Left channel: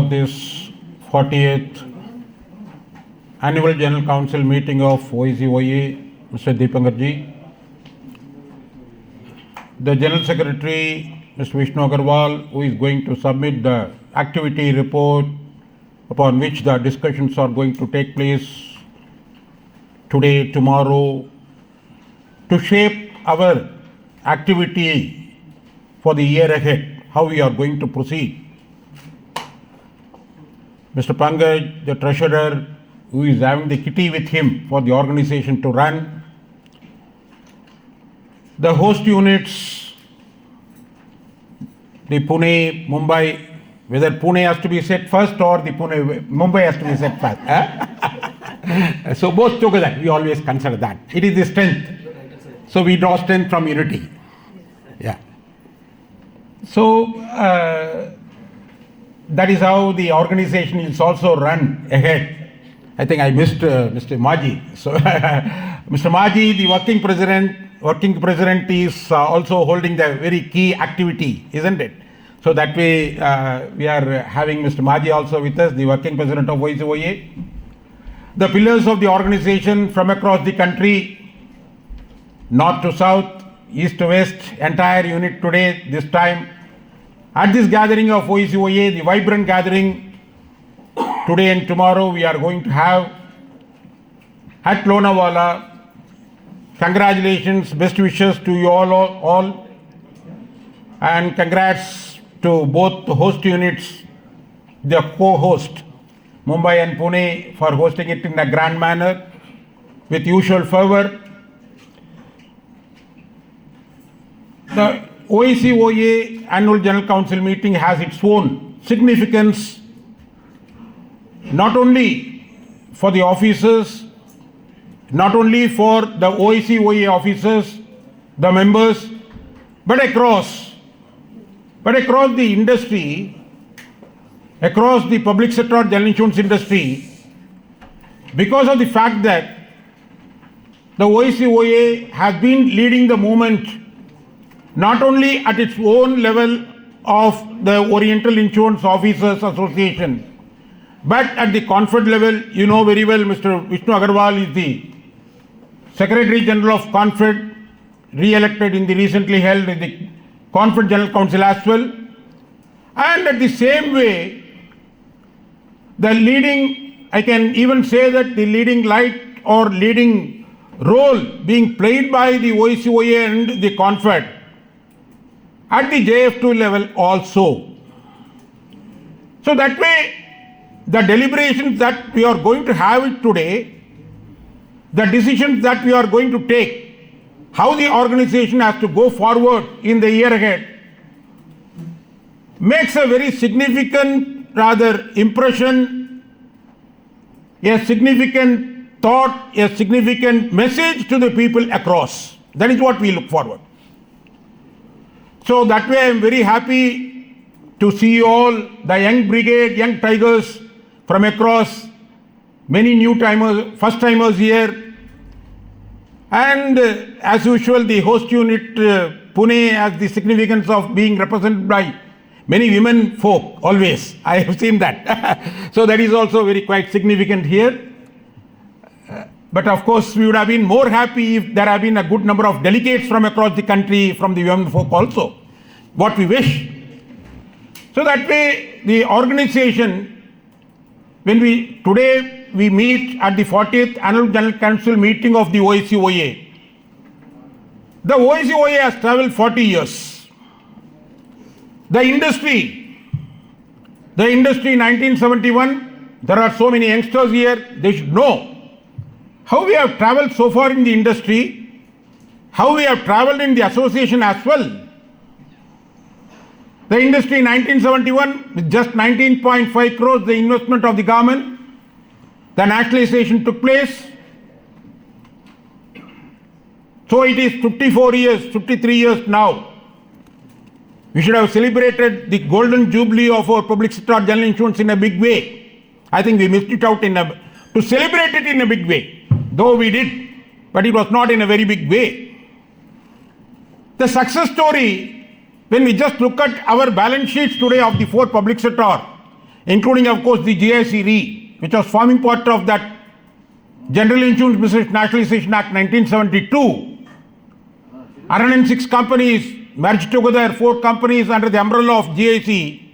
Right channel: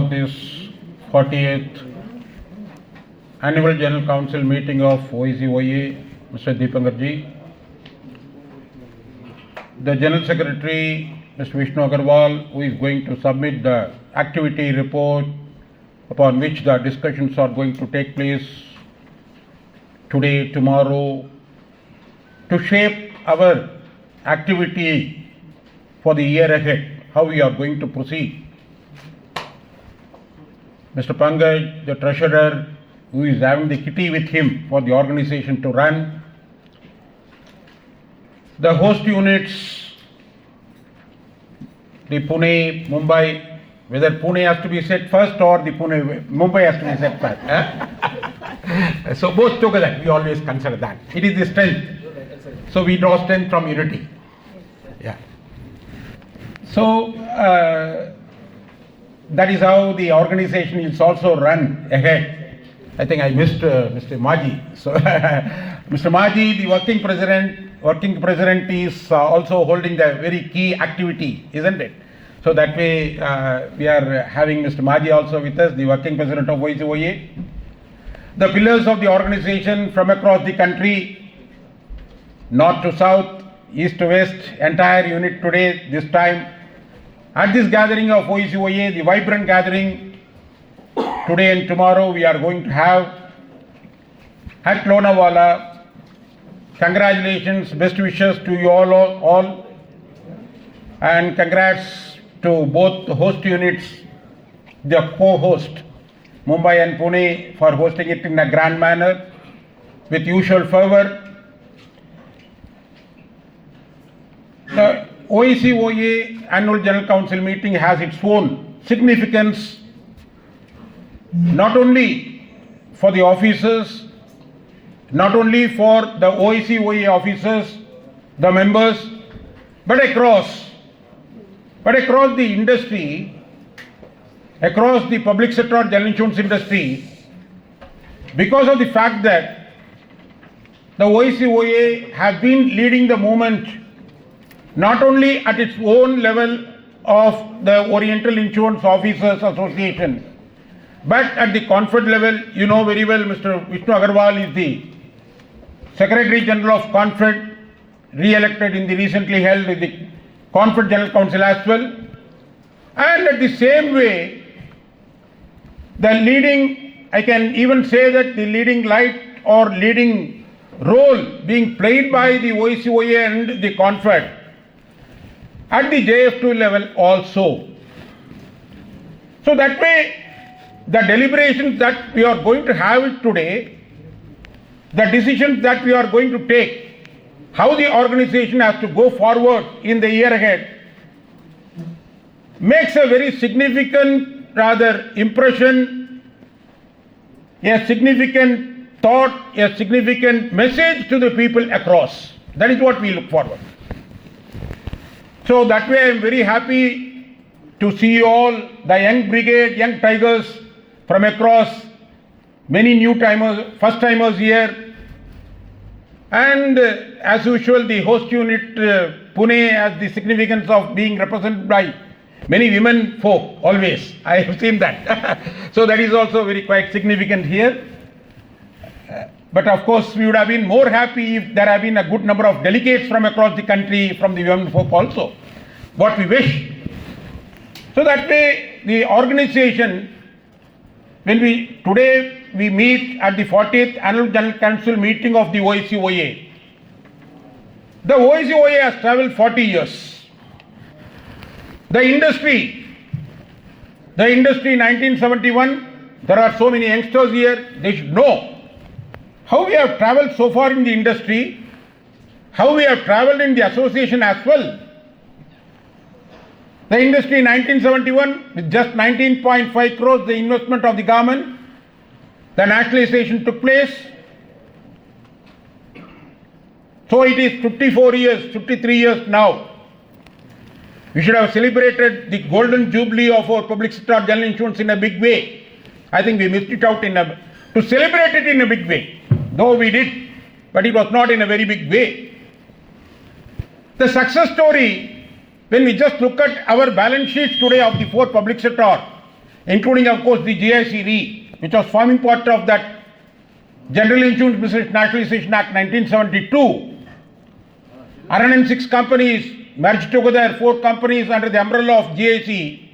of this 40th Annual General Council meeting of OICOA, Mr. Deepankarji, the General Secretary, Mr. Vishnu Agarwal, who is going to submit the activity report upon which the discussions are going to take place today, tomorrow, to shape our activity for the year ahead, how we are going to proceed. Mr. Pankaj, the treasurer, who is having the kitty with him for the organization to run. The host units, the Pune, Mumbai, whether Pune has to be set first or the Mumbai has to be set first. So both together, we always consider that. It is the strength. So we draw strength from unity. Yeah. So that is how the organization is also run ahead. I think I missed Mr. Maji. So Mr. Maji, the working president is also holding the very key activity, isn't it? So that way we are having Mr. Maji also with us, the working president of OICOA. The pillars of the organization from across the country, north to south, east to west, entire unit today, this time. At this gathering of OICOA, the vibrant gathering, today and tomorrow we are going to have at Lonavala. Congratulations, best wishes to you all, and congrats to both the host units, the co-host, Mumbai and Pune, for hosting it in a grand manner with usual fervor. The OICOA Annual General Council meeting has its own significance, not only for the officers, not only for the OICOA officers, the members, but across the industry, across the public sector general insurance industry, because of the fact that the OICOA has been leading the movement not only at its own level of the Oriental Insurance Officers Association, but at the CONFED level. You know very well, Mr. Vishnu Agarwal is the Secretary General of CONFED, re-elected in the recently held the CONFED General Council as well. And at the same way, the leading, I can even say that the leading light or leading role being played by the OICOA and the CONFED at the JF2 level also. So that way, the deliberations that we are going to have it today, the decisions that we are going to take, how the organization has to go forward in the year ahead, makes a very significant impression, a significant thought, a significant message to the people across. That is what we look forward. So that way I am very happy to see you all, the young brigade, young tigers from across, many new timers, first timers here. And as usual, the host unit Pune has the significance of being represented by many women folk always. I have seen that. So that is also very quite significant here. But of course, we would have been more happy if there have been a good number of delegates from across the country, from the women folk also. What we wish. So that way, the organization, today we meet at the 40th Annual General Council meeting of the OICOA. The OICOA has traveled 40 years. The industry 1971, there are so many youngsters here, they should know how we have traveled so far in the industry, how we have traveled in the association as well. The industry in 1971, with just 19.5 crores, the investment of the government, the nationalization took place. So it is 53 years now. We should have celebrated the golden jubilee of our public sector general insurance in a big way. I think we missed it out to celebrate it in a big way. Though we did, but it was not in a very big way. The success story, when we just look at our balance sheets today of the four public sector, including of course the GIC Re, which was forming part of that General Insurance Business Nationalization Act 1972. 106 companies merged together, 4 companies under the umbrella of GIC.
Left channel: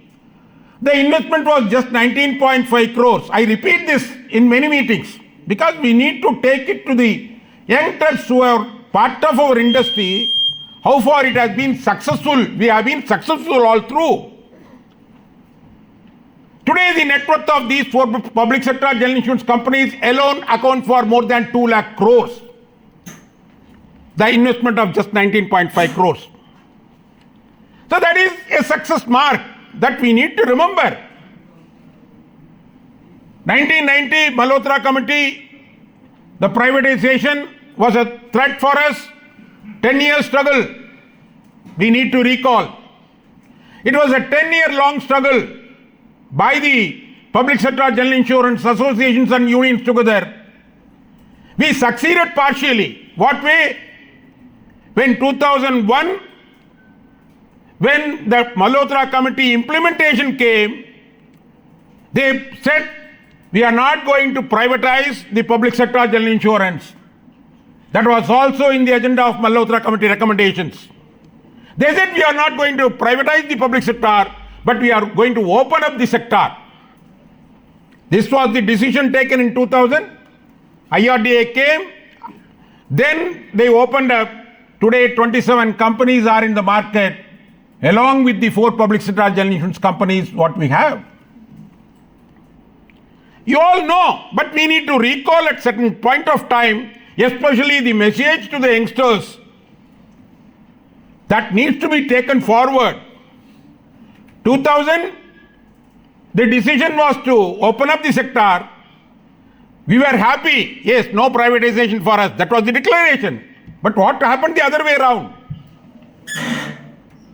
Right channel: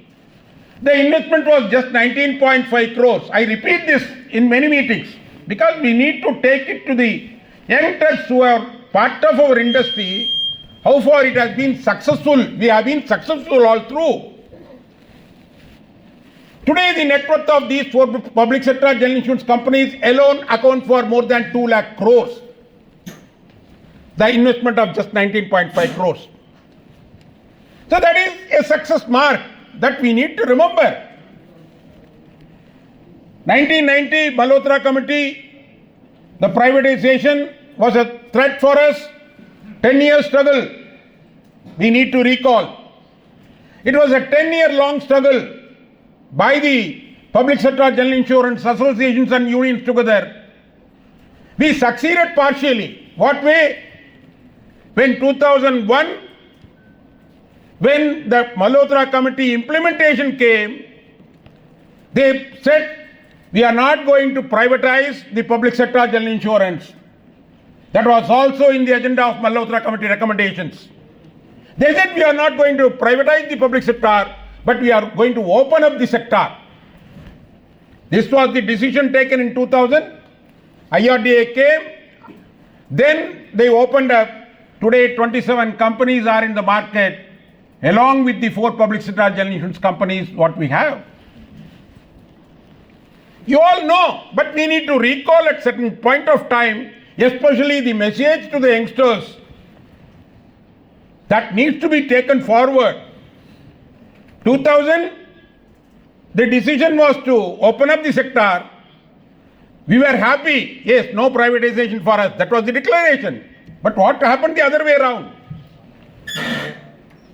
The investment was just 19.5 crores. I repeat this in many meetings because we need to take it to the young trusts who are part of our industry, how far it has been successful. We have been successful all through. Today, the net worth of these 4 public sector general insurance companies alone account for more than 2 lakh crores. The investment of just 19.5 crores. So that is a success mark that we need to remember. 1990 Malhotra Committee, the privatization was a threat for us. 10-year struggle, we need to recall. It was a 10-year-long struggle by the public sector general insurance associations and unions together. We succeeded partially. What way? When 2001, when the Malhotra Committee implementation came, they said, we are not going to privatize the public sector general insurance. That was also in the agenda of Malhotra Committee recommendations. They said we are not going to privatize the public sector, but we are going to open up the sector. This was the decision taken in 2000. IRDA came. Then they opened up. Today 27 companies are in the market, along with the 4 public sector general insurance companies what we have. You all know, but we need to recall at certain point of time, especially the message to the youngsters that needs to be taken forward. 2000, the decision was to open up the sector. We were happy. Yes, no privatization for us. That was the declaration. But what happened the other way around?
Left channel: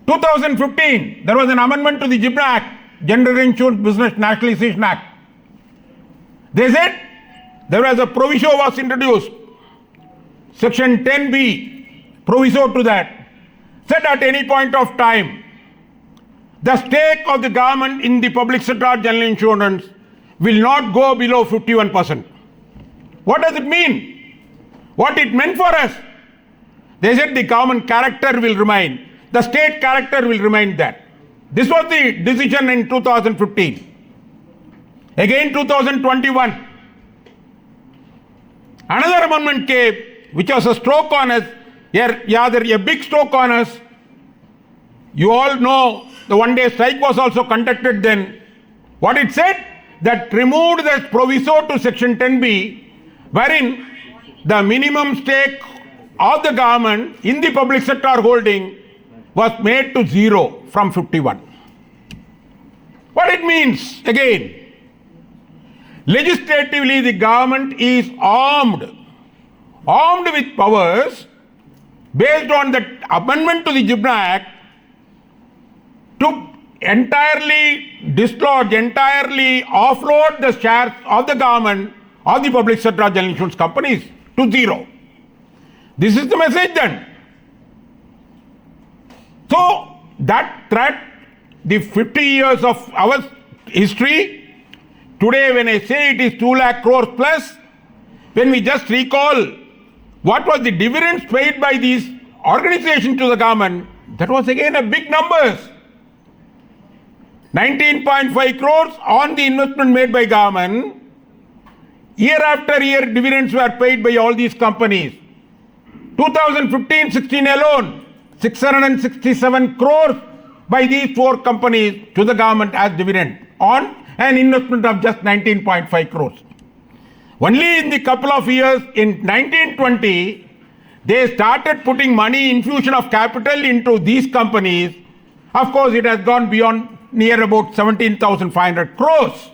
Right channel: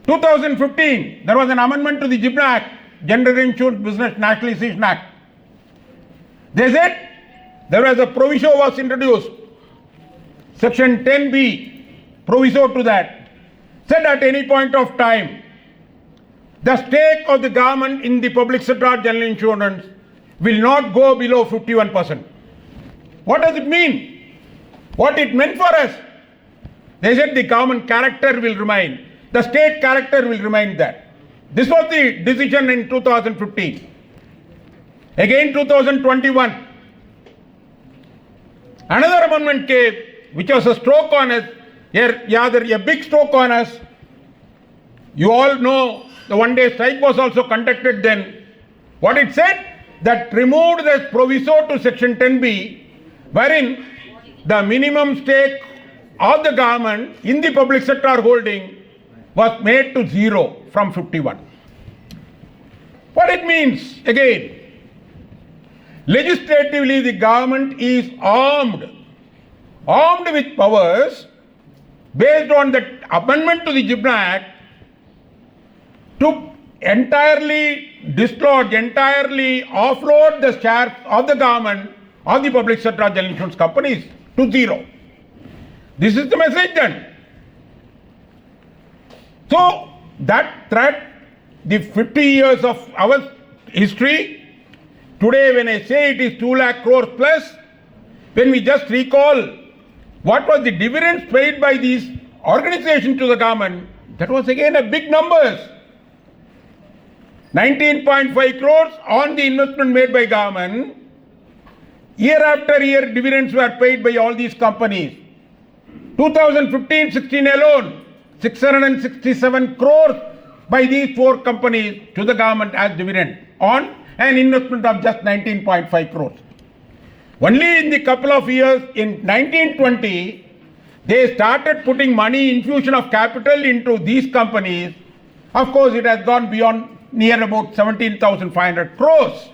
2015, there was an amendment to the GIBNA Act, General Insurance Business Nationalization Act. They said there was a proviso was introduced. Section 10B, proviso to that, said at any point of time, the stake of the government in the public sector general insurance will not go below 51%. What does it mean? What it meant for us? They said the government character will remain. The state character will remain that. This was the decision in 2015. Again 2021. Another amendment came, which was a stroke on us, a big stroke on us. You all know the one-day strike was also conducted then. What it said? That removed the proviso to section 10B, wherein the minimum stake of the government in the public sector holding was made to 0 from 51. What it means? Again, legislatively the government is armed with powers based on the amendment to the GIBNA Act to entirely dislodge, entirely offload the shares of the government or the public sector general insurance companies to 0. This is the message then. So that threat, the 50 years of our history, today when I say it is 2 lakh crores plus, when we just recall what was the dividends paid by these organizations to the government, that was again a big numbers. 19.5 crores on the investment made by government. Year after year dividends were paid by all these companies. 2015-16 alone, 667 crores by these 4 companies to the government as dividend on an investment of just 19.5 crores. Only in the couple of years in 1920, they started putting money, infusion of capital into these companies. Of course, it has gone beyond near about 17,500 crores.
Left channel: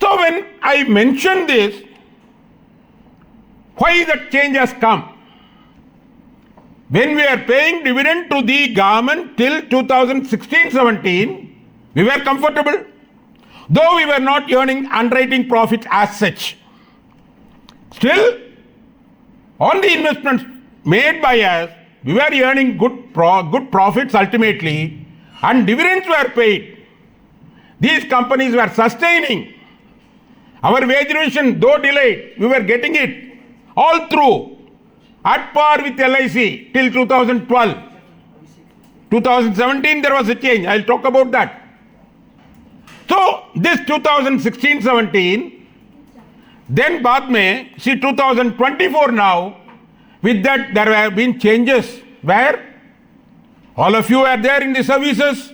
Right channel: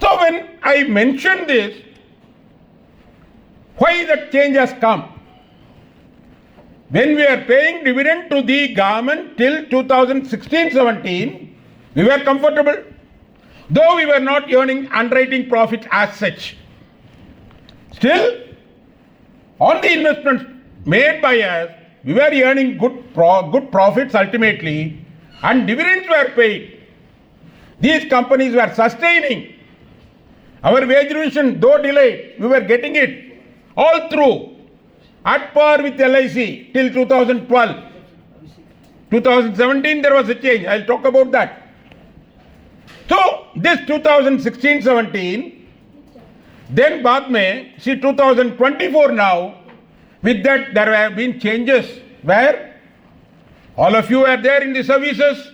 So when I mention this, why that change has come? When we are paying dividend to the government till 2016-17, we were comfortable, though we were not earning underwriting profits as such. Still, on the investments made by us, we were earning good profits ultimately, and dividends were paid. these companies were sustaining. Our wage revision, though delayed, we were getting it all through at par with LIC till 2012. 2017 there was a change. I'll talk about that. So this 2016-17, then baad mein, see 2024 now, with that there have been changes where all of you are there in the services.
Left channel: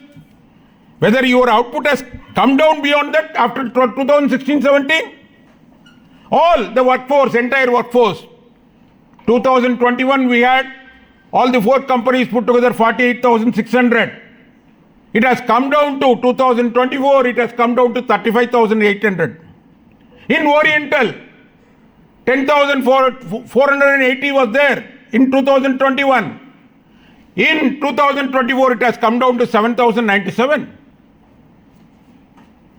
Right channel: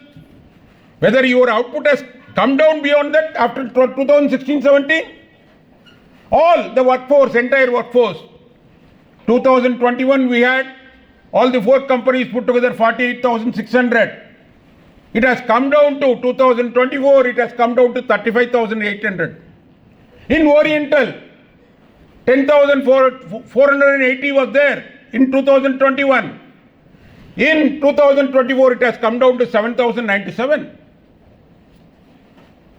Whether your output has come down beyond that after 2016-17, all the workforce, entire workforce, 2021 we had all the 4 companies put together 48,600. It has come down to 2024, it has come down to 35,800. In Oriental, 10,480 was there in 2021. In 2024, it has come down to 7,097.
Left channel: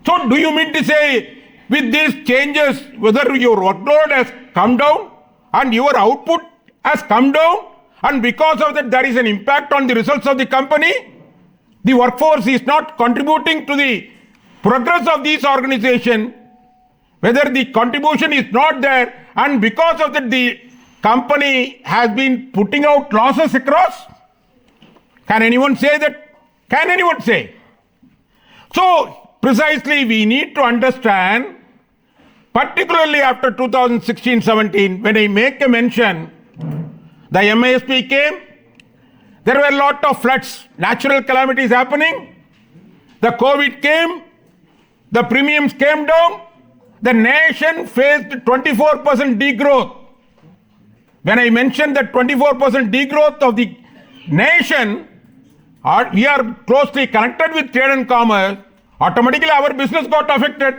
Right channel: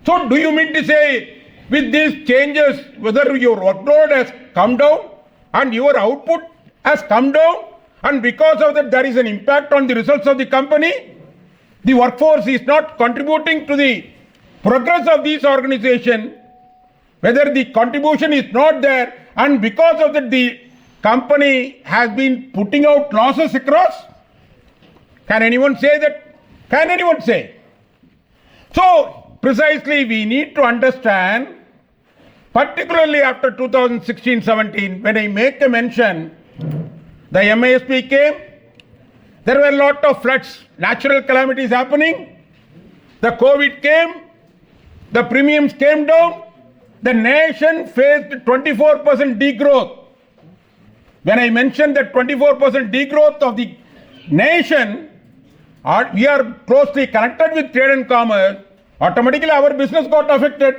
So do you mean to say with these changes, whether your workload has come down and your output has come down, and because of that there is an impact on the results of the company? The workforce is not contributing to the progress of this organization, whether the contribution is not there, and because of that the company has been putting out losses across? Can anyone say that? Can anyone say? So precisely we need to understand, particularly after 2016-17, when I make a mention, the MISP came, there were a lot of floods, natural calamities happening, the COVID came, the premiums came down, the nation faced 24% degrowth. When I mentioned that 24% degrowth of the nation, we are closely connected with trade and commerce, automatically our business got affected.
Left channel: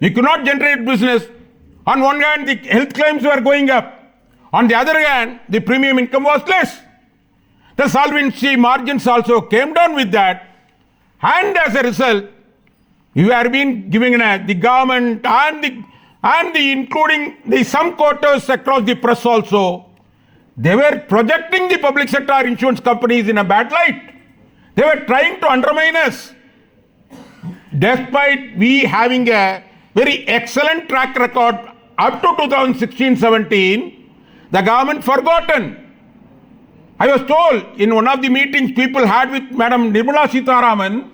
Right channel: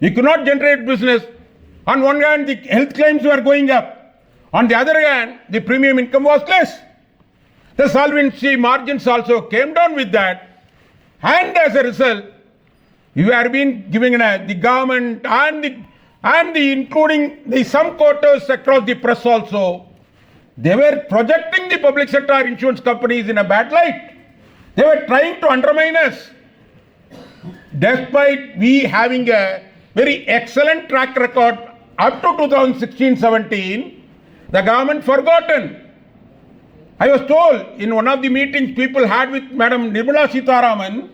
We could not generate business. On one hand, the health claims were going up. On the other hand, the premium income was less. The solvency margins also came down with that. And as a result, you have been giving the government and the including the some quarters across the press also, they were projecting the public sector insurance companies in a bad light. They were trying to undermine us. Despite we having a very excellent track record up to 2016-17, the government forgotten. I was told in one of the meetings people had with Madam Nirmala Sitharaman,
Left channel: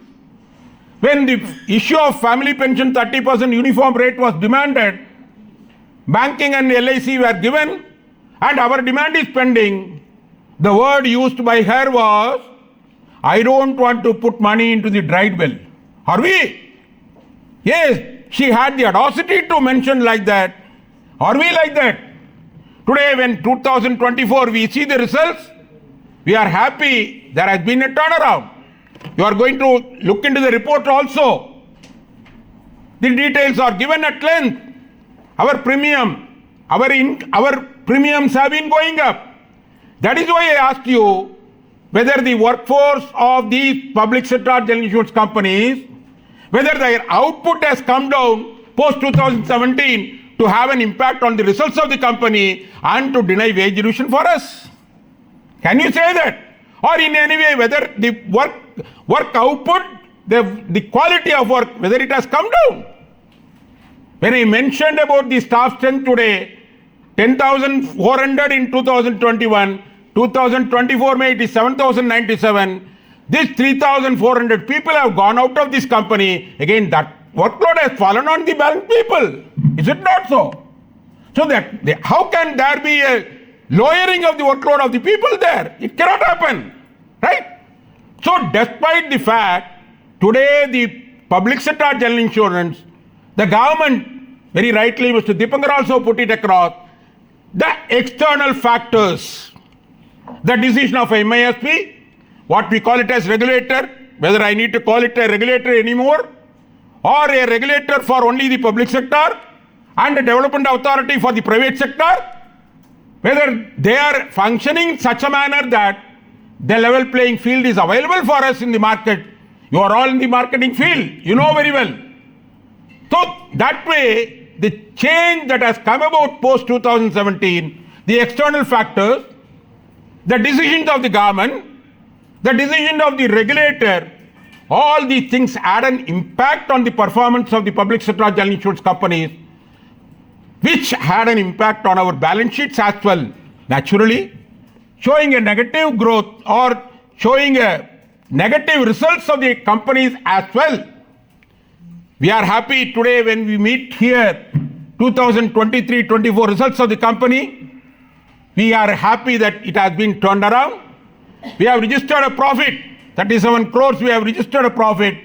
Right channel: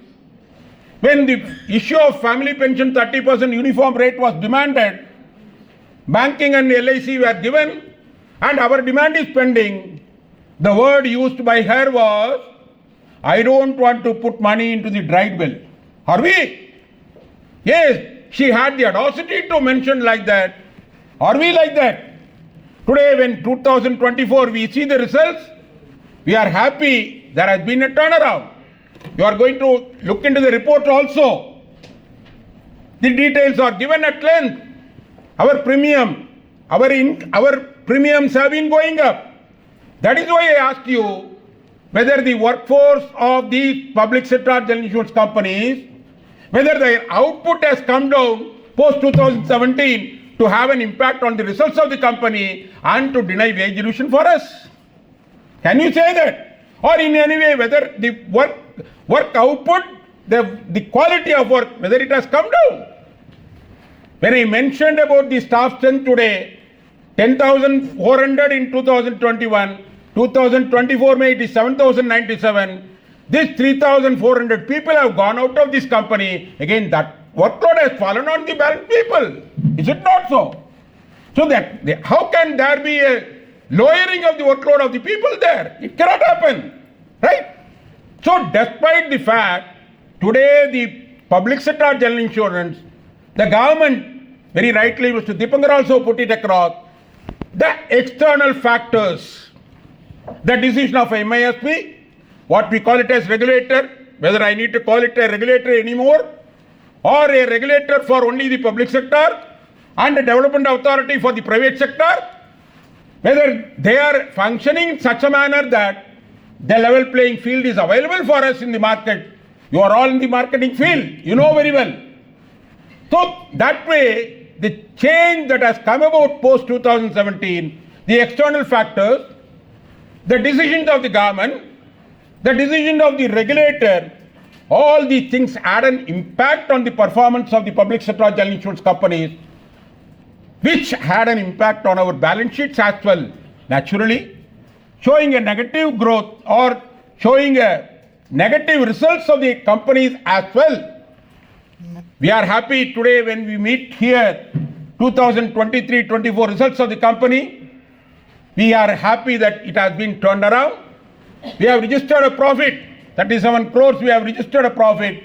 when the issue of family pension 30% uniform rate was demanded, banking and LIC were given, and our demand is pending. The word used by her was, I don't want to put money into the dried well. Are we? Yes, she had the audacity to mention like that. Are we like that? Today, when 2024 we see the results, we are happy there has been a turnaround. You are going to look into the report also. The details are given at length. Our premiums have been going up. That is why I asked you whether the workforce of these public sector general insurance companies, whether their output has come down post 2017 to have an impact on the results of the company and to deny wage revision for us. Can you say that? Or in any way, whether the work output, the quality of work, whether it has come down? When I mentioned about the staff strength today, 10,400 in 2021, 2024 May it is 7,097. These 3,400 people have gone out of this company. Again, that workload has fallen on the balance people. Is it not so? So that how can there be a lowering of the workload of the people there? It cannot happen, right? So despite the fact, today the public sector general insurance, the government, very rightly Mr. Dipankar also put it across, the external factors, the decision of MISP, what we call it as regulator, whether I need to call it a regulator anymore, or a regulator for only the public sector and a development authority for the private sector, whether they are functioning in such a manner that the level playing field is available for us in the market. You are all in the marketing field, you know very well. So that way, the change that has come about post 2017, the external factors, the decisions of the government, the decision of the regulator, all these things had an impact on the performance of the public sector general insurance companies, which had an impact on our balance sheets as well, naturally, showing a negative growth or showing a negative results of the companies as well. We are happy today when we meet here 2023-24 results of the company. We are happy that it has been turned around. We have registered a profit, 37 crores we have registered a profit.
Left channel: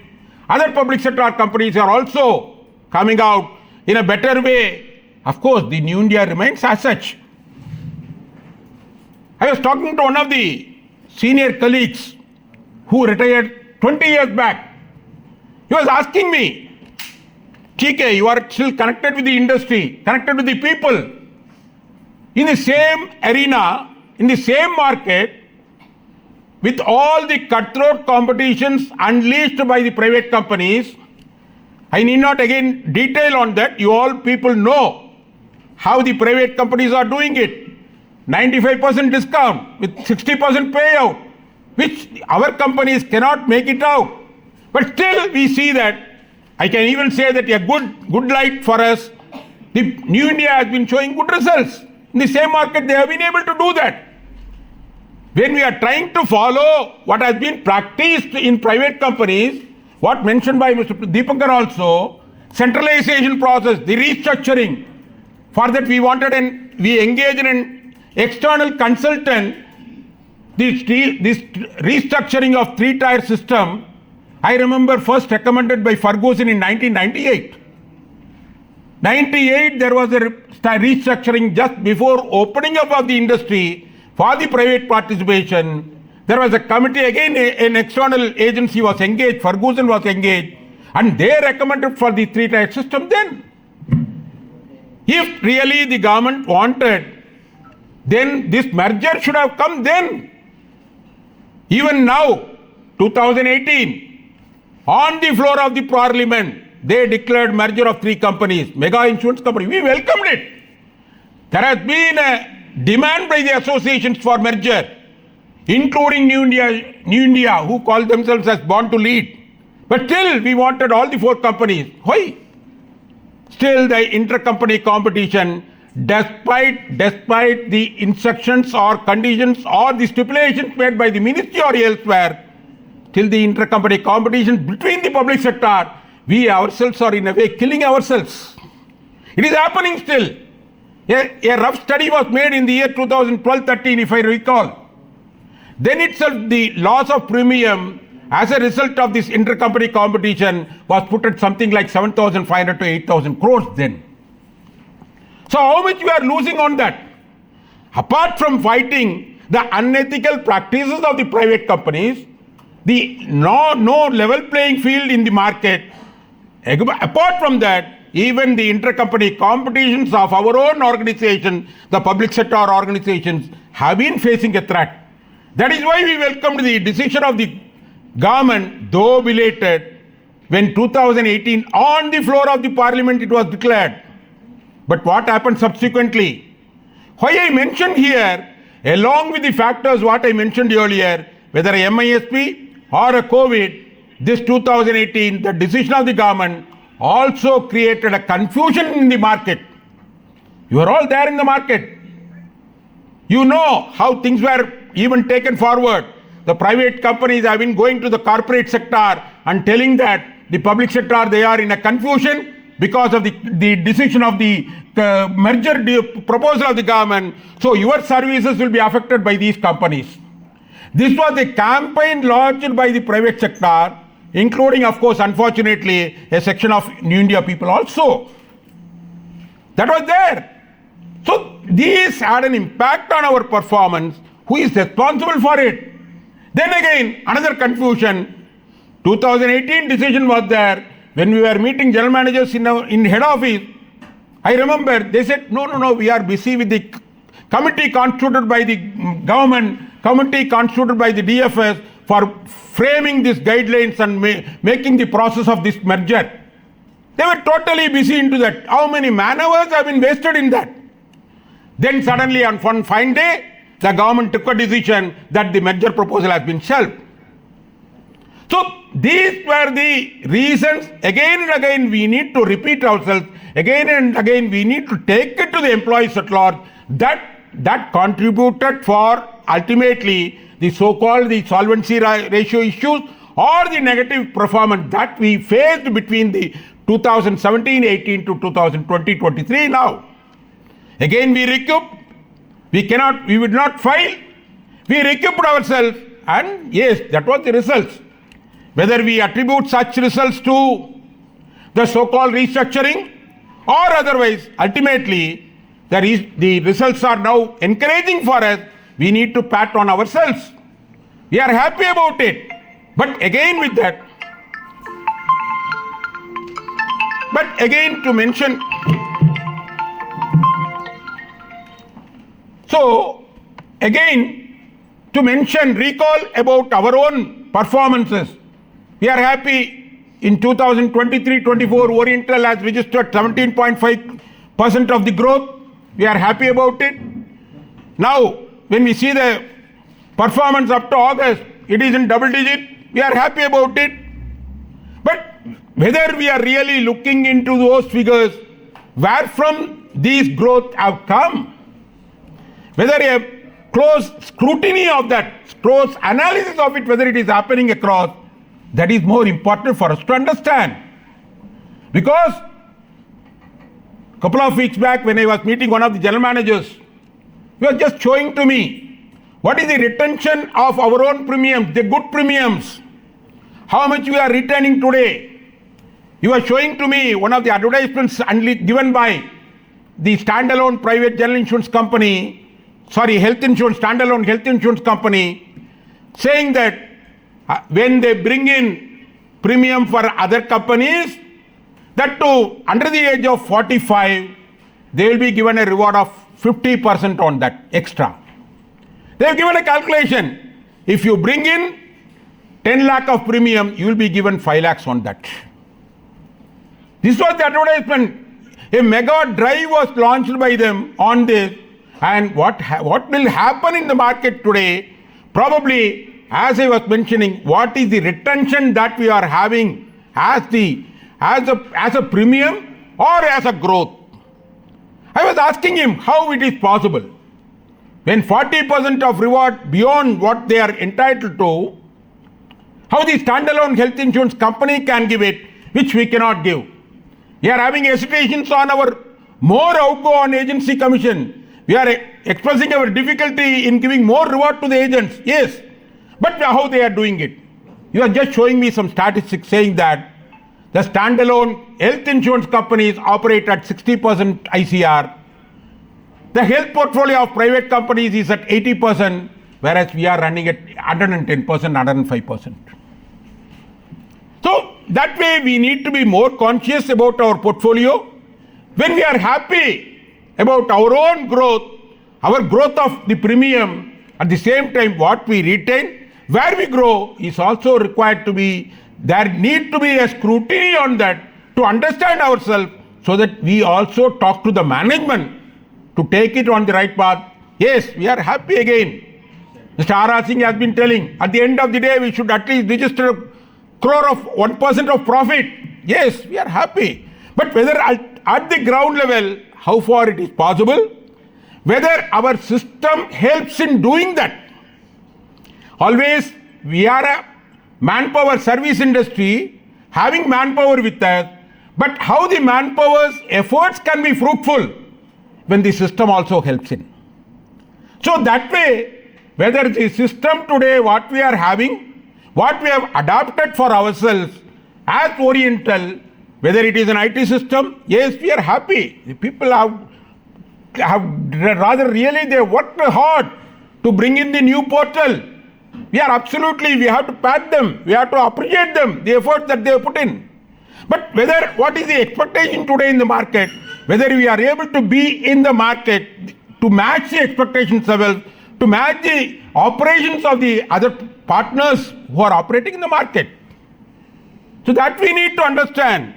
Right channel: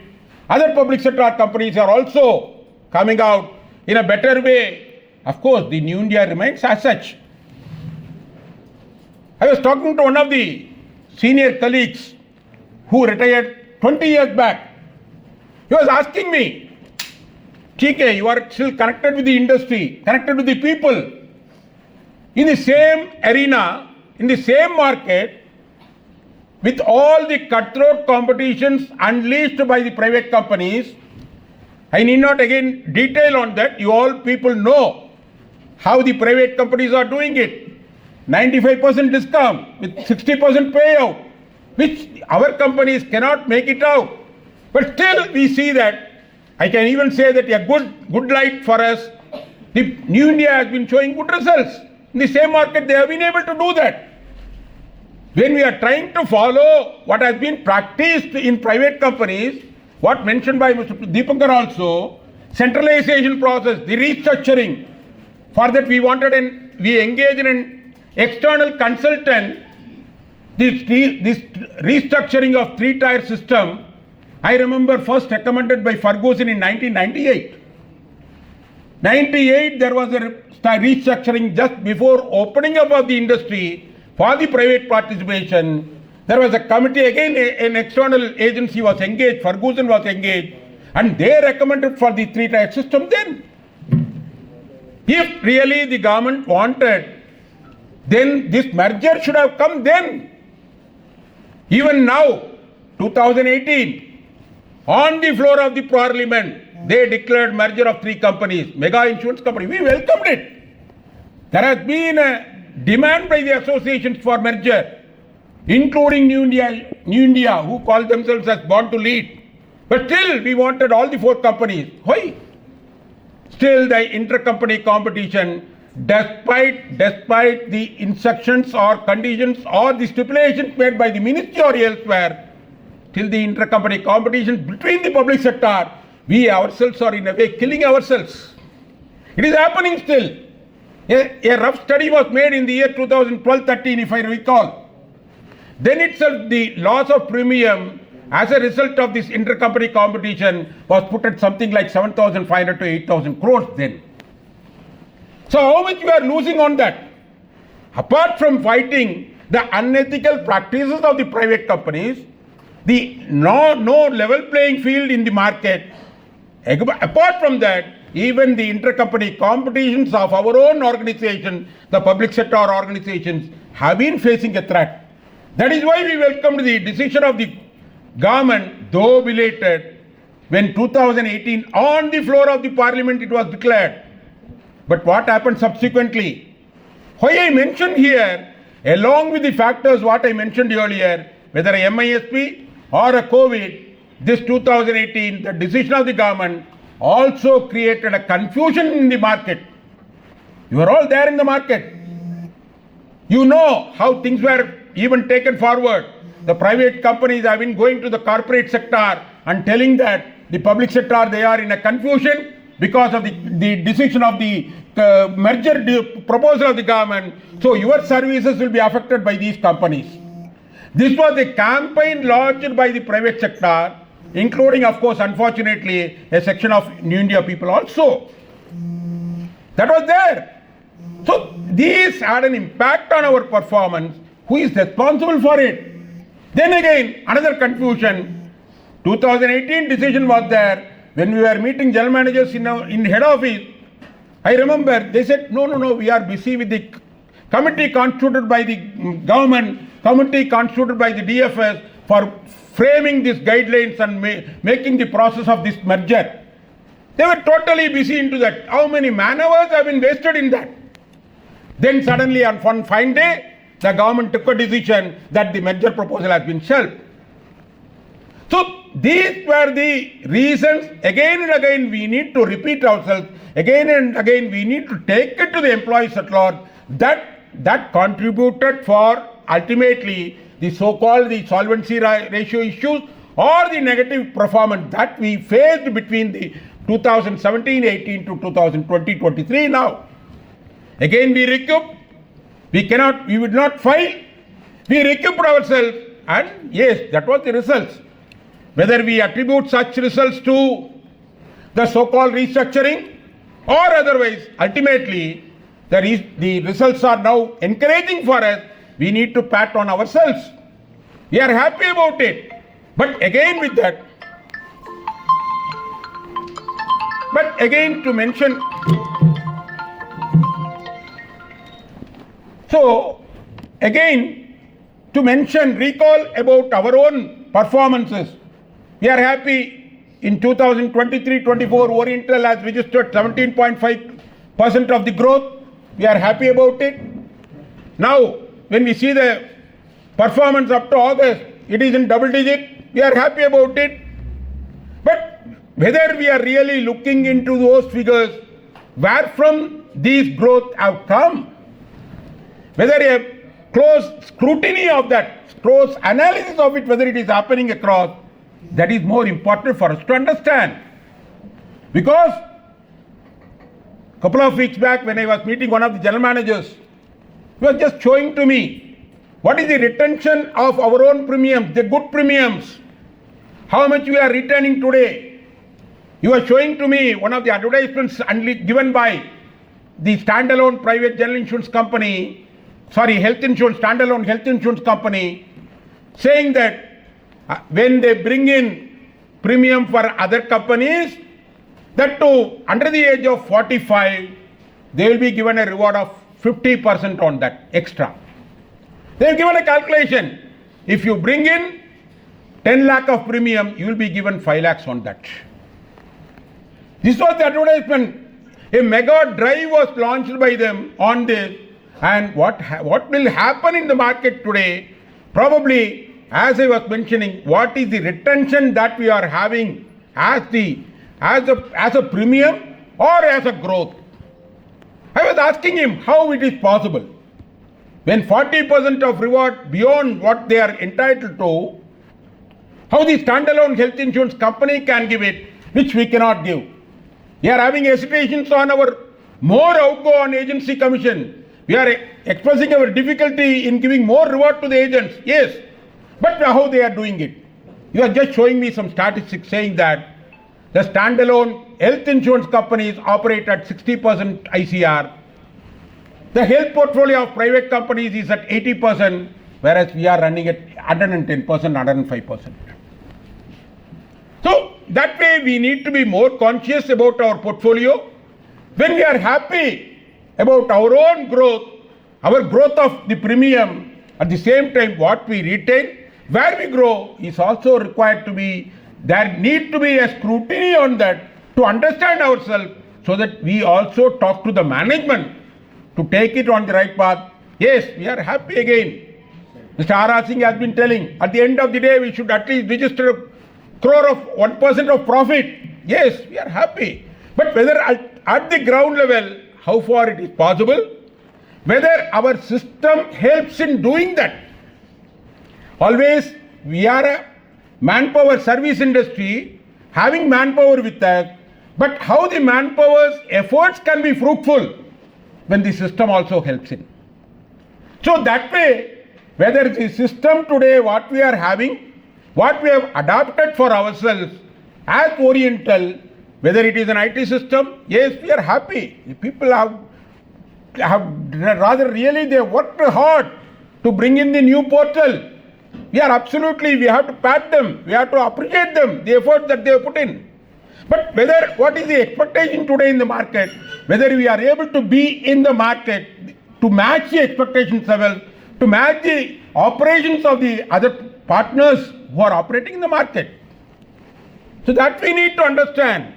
Other public sector companies are also coming out in a better way. Of course, the New India remains as such. I was talking to one of the senior colleagues who retired 20 years back. He was asking me, TK, you are still connected with the industry, connected with the people. In the same arena, in the same market, with all the cutthroat competitions unleashed by the private companies, I need not again detail on that. You all people know how the private companies are doing it. 95% discount with 60% payout, which our companies cannot make it out. But still we see that, I can even say that a good light for us, the New India has been showing good results. In the same market they have been able to do that. When we are trying to follow what has been practiced in private companies, what mentioned by Mr. Deepankar also, centralization process, the restructuring, for that we wanted and we engaged in an external consultant, this restructuring of three-tier system, I remember first recommended by Ferguson in 1998. 98 there was a restructuring just before opening up of the industry for the private participation. There was a committee, again an external agency was engaged, Ferguson was engaged, and they recommended for the three-tier system then. If really the government wanted, then this merger should have come then. Even now, 2018, on the floor of the parliament, they declared merger of three companies, mega insurance company. We welcomed it. There has been a demand by the associations for merger, including New India, who call themselves as born to lead. But still, we wanted all the four companies. Why? Still, the intercompany competition, despite the instructions or conditions or the stipulations made by the ministry or elsewhere, till the intercompany competition between the public sector, we ourselves are in a way killing ourselves. It is happening still. A rough study was made in the year 2012-13, if I recall. Then itself the loss of premium as a result of this intercompany competition was put at something like 7,500 to 8,000 crores then. So how much we are losing on that? Apart from fighting the unethical practices of the private companies, the no level playing field in the market, apart from that, even the intercompany competitions of our own organization, the public sector organizations, have been facing a threat. That is why we welcomed the decision of the government, though belated, when 2018 on the floor of the parliament it was declared. But what happened subsequently? Why I mentioned here, along with the factors what I mentioned earlier, whether a MISP or a COVID, this 2018, the decision of the government also created a confusion in the market. You are all there in the market. You know how things were even taken forward. The private companies have been going to the corporate sector and telling that the public sector, they are in a confusion because of the decision of the merger proposal of the government. So your services will be affected by these companies. This was a campaign launched by the private sector, including, of course, unfortunately, a section of New India people also. That was there. So these had an impact on our performance. Who is responsible for it? Then again, another confusion. 2018 decision was there. When we were meeting general managers in head office, I remember they said, no, we are busy with the committee constituted by the government, committee constituted by the DFS for framing these guidelines and making the process of this merger. They were totally busy into that. How many man-hours have been wasted in that? Then suddenly on one fine day, the government took a decision that the merger proposal has been shelved. So these were the reasons. Again and again we need to repeat ourselves. Again and again we need to take it to the employees at large. That contributed for ultimately the so-called the solvency ratio issues or the negative performance that we faced between the 2017-18 to 2020-23 now. Again we recouped. We would not fail. We recouped ourselves, and yes, that was the results. Whether we attribute such results to the so-called restructuring or otherwise, ultimately the results are now encouraging for us. We need to pat on ourselves. We are happy about it. But again with that, to mention, so again to mention, recall about our own performances. We are happy in 2023-24 Oriental has registered 17.5% of the growth. We are happy about it. Now when we see the performance up to August, it is in double digit. We are happy about it. But whether we are really looking into those figures, where from these growth have come, whether a close scrutiny of that, close analysis of it, whether it is happening across, that is more important for us to understand. Because a couple of weeks back when I was meeting one of the general managers, he was just showing to me what is the retention of our own premiums, the good premiums, how much we are retaining today. He was showing to me one of the advertisements given by the standalone private general insurance company, standalone health insurance company, saying that when they bring in premium for other companies, that too under the age of 45, they will be given a reward of 50% on that extra. They have given a calculation. If you bring in 10 lakh of premium, you will be given 5 lakhs on that. This was the advertisement. A mega drive was launched by them on this. And what will happen in the market today? Probably, as I was mentioning, what is the retention that we are having as a premium or as a growth? I was asking him how it is possible. When 40% of reward beyond what they are entitled to, how the standalone health insurance company can give it, which we cannot give. We are having hesitations on our more outgo on agency commission. We are expressing our difficulty in giving more reward to the agents. Yes, but how they are doing it? You are just showing me some statistics saying that the standalone health insurance companies operate at 60% ICR. The health portfolio of private companies is at 80%, whereas we are running at 110%, 105%. So that way we need to be more conscious about our portfolio. When we are happy about our own growth, our growth of the premium, at the same time what we retain, where we grow is also required to be, there need to be a scrutiny on that to understand ourselves so that we also talk to the management to take it on the right path. Yes, we are happy again. Mr. R. Singh has been telling, at the end of the day we should at least register a crore of 1% of profit. Yes, we are happy. But whether at the ground level, how far it is possible, whether our system helps in doing that. Always we are a manpower service industry, having manpower with us, but how the manpower's efforts can be fruitful when the system also helps in. So that way, whether the system today, what we are having, what we have adopted for ourselves as Oriental, whether it is an IT system, yes, we are happy. The people have rather really they worked hard to bring in the new portal. We have to pat them, we have to appreciate them, the effort that they have put in. But what is the expectation today in the market, whether we are able to be in the market to match the expectations level, to match the operations of the other partners who are operating in the market. So that we need to understand.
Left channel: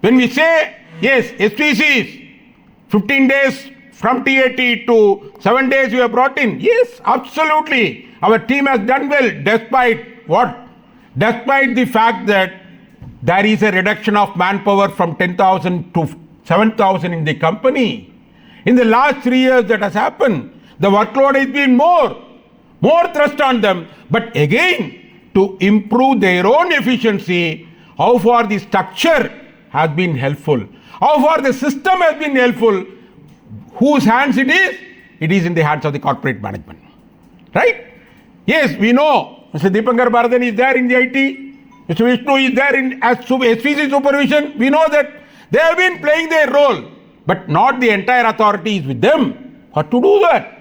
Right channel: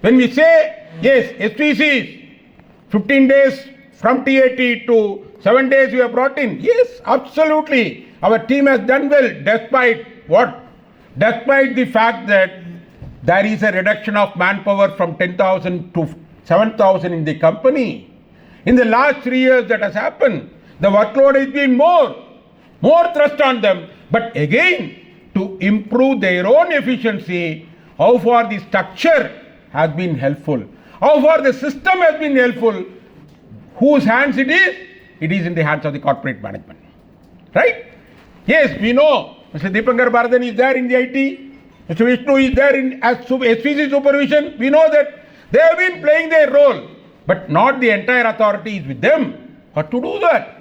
When we say, yes, SPCs, 15 days from TAT to 7 days we have brought in. Yes, absolutely. Our team has done well despite what? despite the fact that there is a reduction of manpower from 10,000 to 7,000 in the company, in the last 3 years that has happened, the workload has been more thrust on them. But again, to improve their own efficiency, how far the structure has been helpful, how far the system has been helpful, whose hands it is? It is in the hands of the corporate management. Right? Yes, we know Mr. Deepankar Bharathan is there in the IT, Mr. Vishnu is there in as SVC supervision. We know that they have been playing their role, but not the entire authority is with them. What to do that?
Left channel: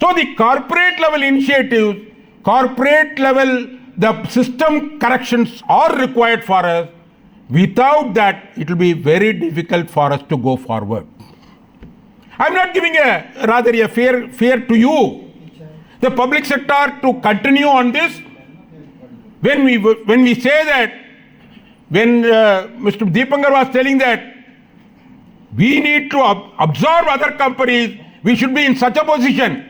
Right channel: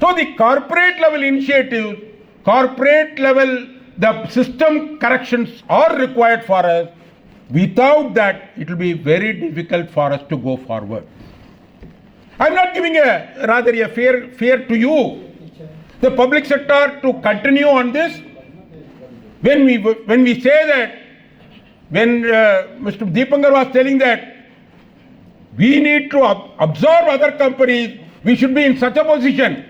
So the corporate level initiatives, corporate level, the system corrections are required for us. Without that, it will be very difficult for us to go forward. I'm not giving a fear to you, the public sector, to continue on this. When we say that, when Mr. Deepankar was telling that we need to absorb other companies, we should be in such a position.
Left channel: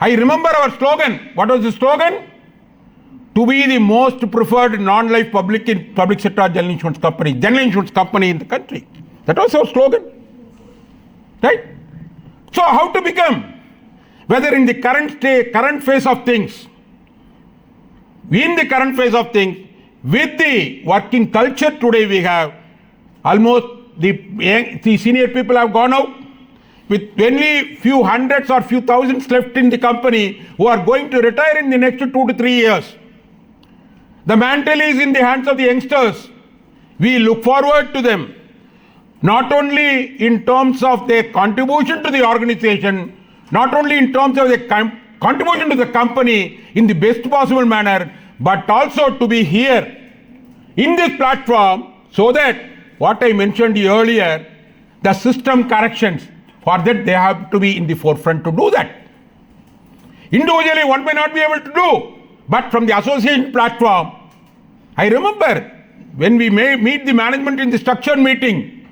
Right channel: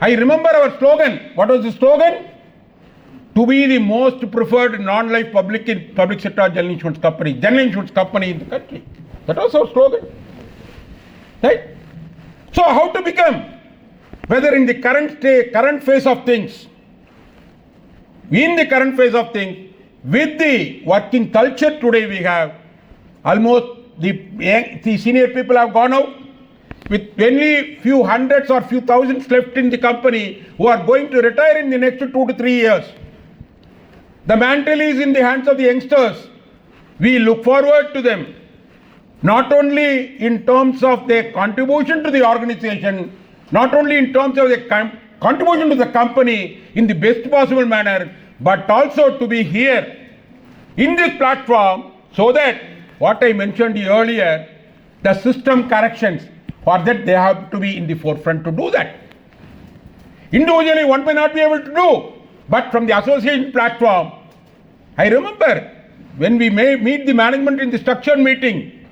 I remember our slogan. What was the slogan? To be the most preferred non-life public sector general insurance company in the country. That was our slogan. Right? So how to become? Whether in the current phase of things, with the working culture today we have, almost the senior people have gone out, with only few hundreds or few thousands left in the company who are going to retire in the next 2 to 3 years. The mantle is in the hands of the youngsters. We look forward to them, not only in terms of their contribution to the organization, not only in terms of their contribution to the company in the best possible manner, but also to be here in this platform, so that what I mentioned earlier, the system corrections, for that they have to be in the forefront to do that. Individually one may not be able to do, but from the association platform, I remember when we may meet the management in the structured meeting,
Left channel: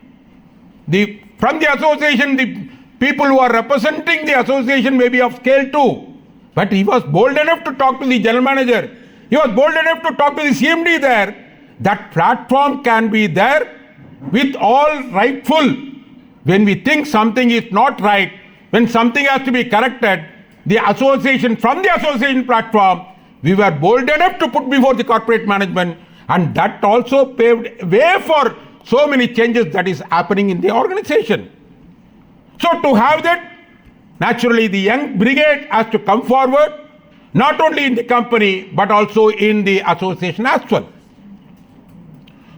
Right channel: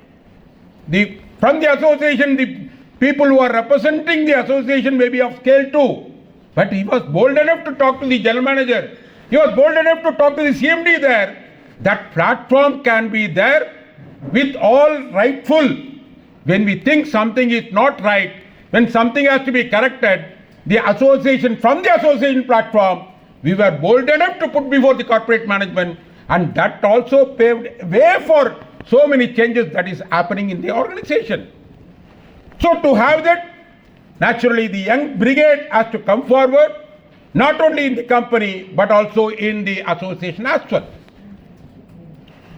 from the association, the people who are representing the association may be of scale too, but he was bold enough to talk to the general manager, he was bold enough to talk to the CMD there. That platform can be there with all rightful. When we think something is not right, when something has to be corrected, the association, from the association platform, we were bold enough to put before the corporate management, and that also paved way for so many changes that is happening in the organization. So to have that, naturally the young brigade has to come forward, not only in the company, but also in the association as well.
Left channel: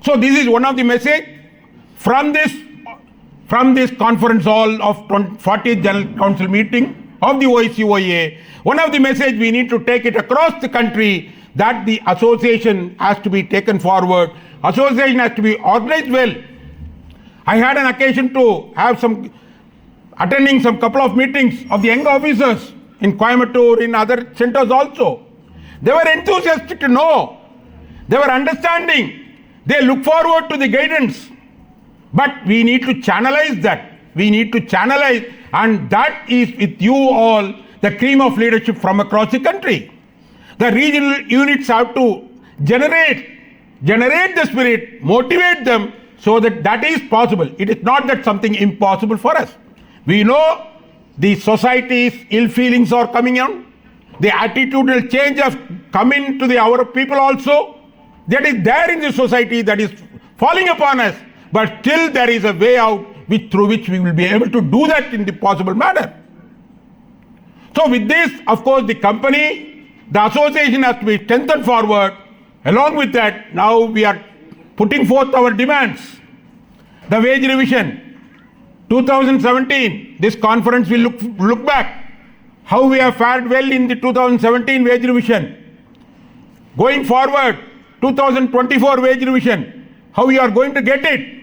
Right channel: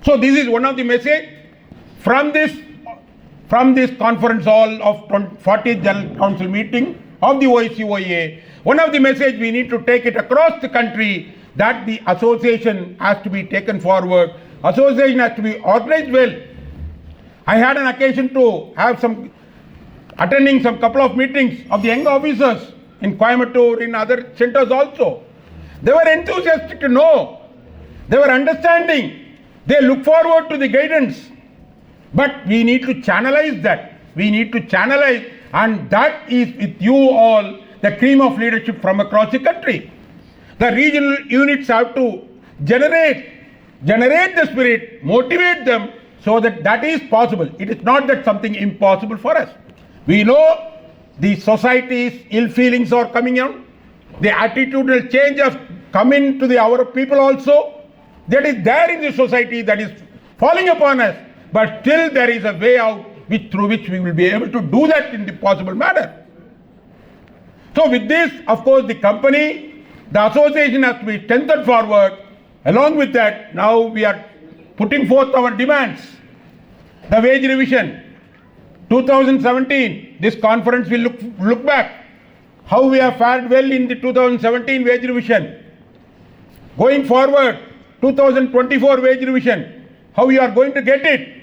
So this is one of the message from this conference hall of 40th General Council meeting of the OICOA. One of the message we need to take it across the country, that the association has to be taken forward. Association has to be organized well. I had an occasion to have attending some couple of meetings of the young officers in Coimbatore, in other centers also. They were enthusiastic to know. They were understanding. They look forward to the guidance. But we need to channelize that. We need to channelize, and that is with you all, the cream of leadership from across the country. The regional units have to generate the spirit, motivate them, so that is possible. It is not that something impossible for us. We know the society's ill feelings are coming on. The attitudinal change has come into our people also. That is there in the society, that is falling upon us. But still there is a way out through which we will be able to do that in the possible manner. So with this, of course, the company, the association has to be strengthened forward. Along with that, now we are putting forth our demands. The wage revision. 2017, this conference will look back how we have fared well in the 2017 wage revision. Going forward, 2024 wage revision, how you are going to get it.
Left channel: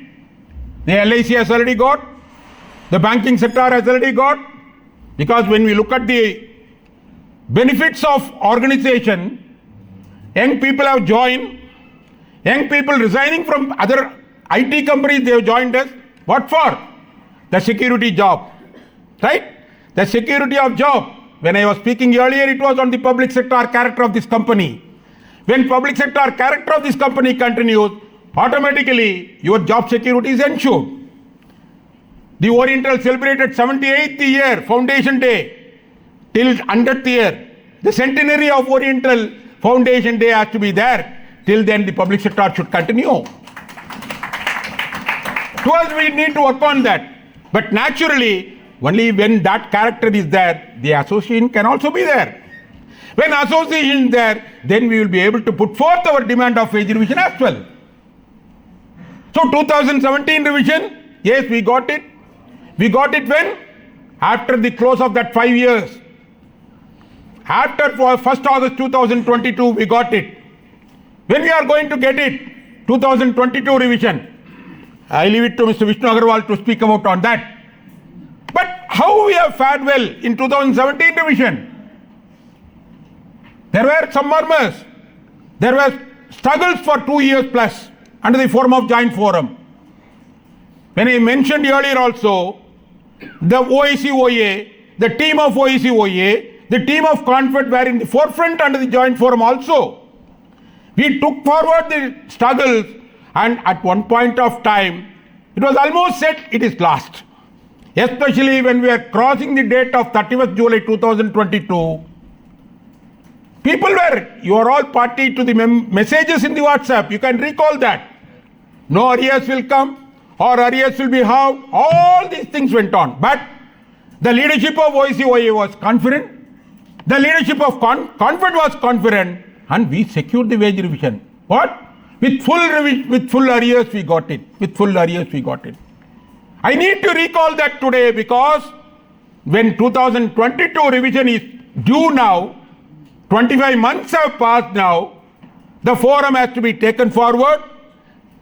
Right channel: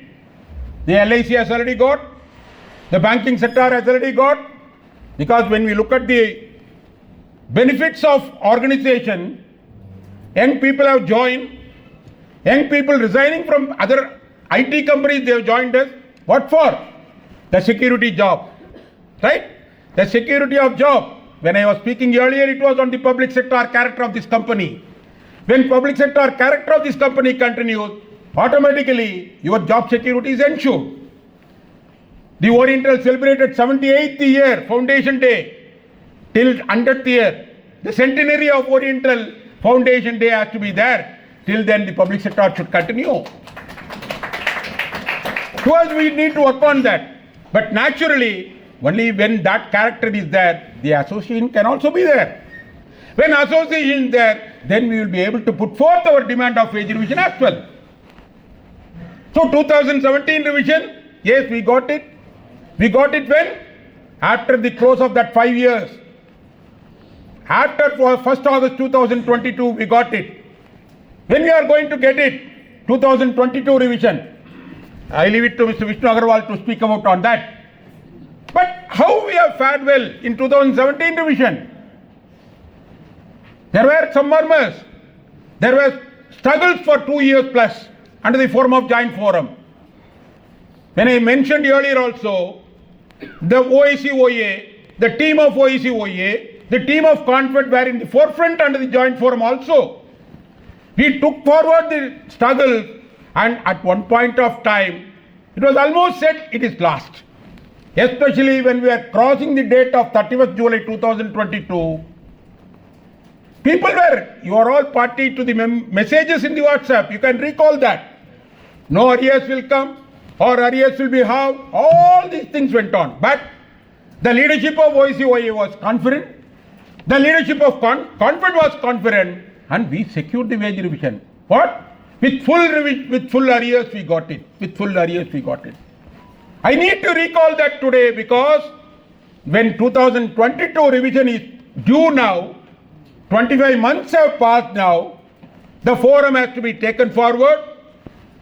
The LIC has already got, the banking sector has already got, because when we look at the benefits of organization, young people have joined, young people resigning from other IT companies, they have joined us. What for? The security job, right? The security of job. When I was speaking earlier, it was on the public sector character of this company. When public sector character of this company continues, automatically your job security is ensured. The Oriental celebrated 78th year Foundation Day till 100th year. The centenary of Oriental Foundation Day has to be there. Till then the public sector should continue. To us, we need to work on that. But naturally, only when that character is there, the association can also be there. When association is there, then we will be able to put forth our demand of wage revision as well. So 2017 revision, yes, we got it. We got it when? After the close of that 5 years. After 1st August 2022, we got it. When we are going to get it? 2022 revision. I leave it to Mr. Vishnu Agarwal to speak about on that. But how we have fared well in 2017 revision? There were some murmurs. There were struggles for 2 years plus under the form of joint forum. When I mentioned earlier also, the OICOA, the team of OICOA, the team of Confed were in the forefront under the joint forum also. We took forward the struggles, and at one point of time, it was almost said it is lost. Especially when we are crossing the date of 31st July 2022, people were, you are all party to the messages in the WhatsApp. You can recall that. No arrears will come or arrears will be halved. All these things went on. But the leadership of OICOA was confident. The leadership of Confed was confident, and we secured the wage revision. What? With full arrears we got it. With full arrears we got it. I need to recall that today because when 2022 revision is due now, 25 months have passed now, the forum has to be taken forward.